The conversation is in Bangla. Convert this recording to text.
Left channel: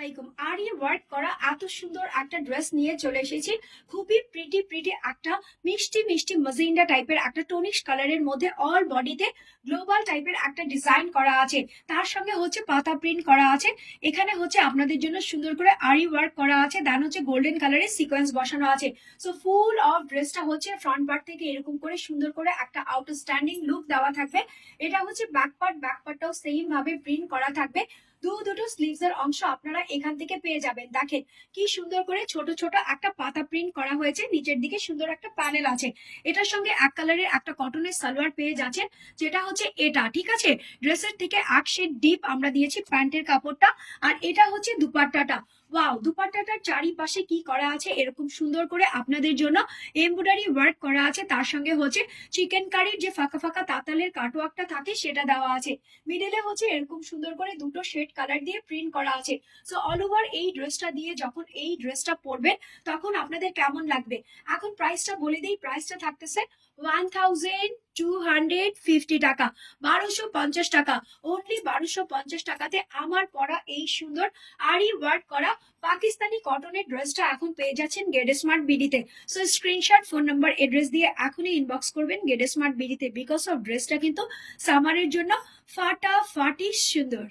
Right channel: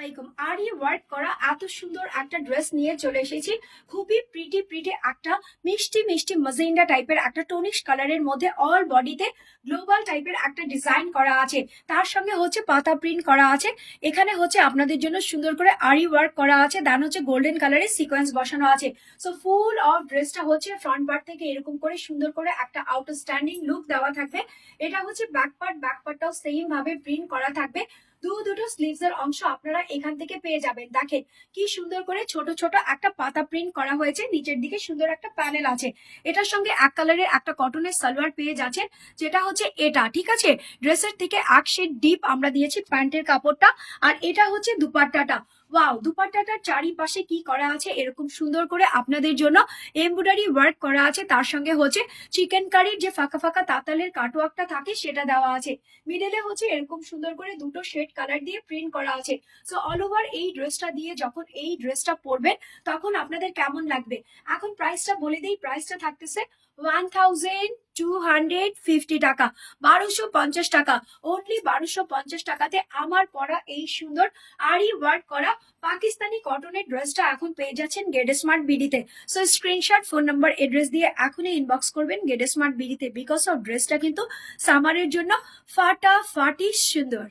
আলাইকুম। আরি ওয়ার্ক করা এত সুন্দর একটা ড্রেস নিয়ে চলে এসেছি। খুবই প্রিটি একটা মিষ্টি মিষ্টি মাজেন্ডা টাইপের একটা টনিশ কালারের মধ্যে অল বডিতে গ্লোবাল টাইপের একটা ডিজাইন করা আছে। তার সঙ্গে হচ্ছে পাতা প্রিন্ট করা আছে। এখানে হচ্ছে আপনাদের জন্য সুন্দর করে আরি ওয়ার্ক করা আছে, দেন হচ্ছে গোল্ডেন কালারের সিকোয়েন্স বসানো আছে। সো ফুল অফ ড্রেসটা হচ্ছে ফ্রন্ট পার্ট থেকে এরকম করে সুন্দর করে একটা আউটস্ট্যান্ডিং লুক দেওয়া থাকবে। এটা হচ্ছে ব্যাক পার্টটাও সেম ভাবে প্রিন্ট করা থাকবে। দুটো স্লিভস এর অংশ আপনারা এখান থেকে পেয়ে যাবেন। দেখেন কি সুন্দর করে ছোট ছোট একটা পাতা প্রিন্ট করা হয়েছে, নিচের দিকে সুন্দর একটা প্যানেল আছে। এটার সঙ্গে এক কালারের একটা কটনের সালোয়ার পেয়ে যাচ্ছেন, যেটা হচ্ছে এটা, ঠিক আছে। ড্রেসের থেকে এক শেড ডিপ আমরা দিয়েছি প্যান্টের কাপড়টা। আর এটা হচ্ছে দুপাট্টাটা। ওয়াও, দুপাট্টাটার চারিপাশে কি করা আছে, এরকম সুন্দর করে আপনাদের জন্য এমব্রয়ডারি ওয়ার্ক করা আছে। তার সঙ্গে হচ্ছে চিকেন কারির যে ফাঁকা ফাঁকা তাঁতালের কাটওয়ার্কটা থাকে সেটা দেওয়া আছে। মিডলে হচ্ছে এরকম সুন্দর করে দুটো শেড কালার দিয়ে প্রিন্ট করা আছে। সো অল ওভার এই ড্রেসটা দিয়ে যখন এই ড্রেসটা পরবেন তখন আপনাদের কেমন লাগবে। এখন প্রাইসটা বলে দিই, প্রাইসটা থাকতেছে 1250 টাকা, 1250 টাকা, অনলি 1250 টাকাতে আমার পরা এই সুন্দর আরি ওয়ার্ক করা পাকিস্তানি কটনের ড্রেসটা এখন পেয়ে যাচ্ছেন গেট স্মার্ট বিডিতে। So screenshot, phone number, address দিয়ে এখনই ইনবক্স করবেন গেট স্মার্ট বিডিতে, বিকজ অফ ড্রেসটা কিন্তু সামারের জন্য ফাটাফাটি সুন্দর।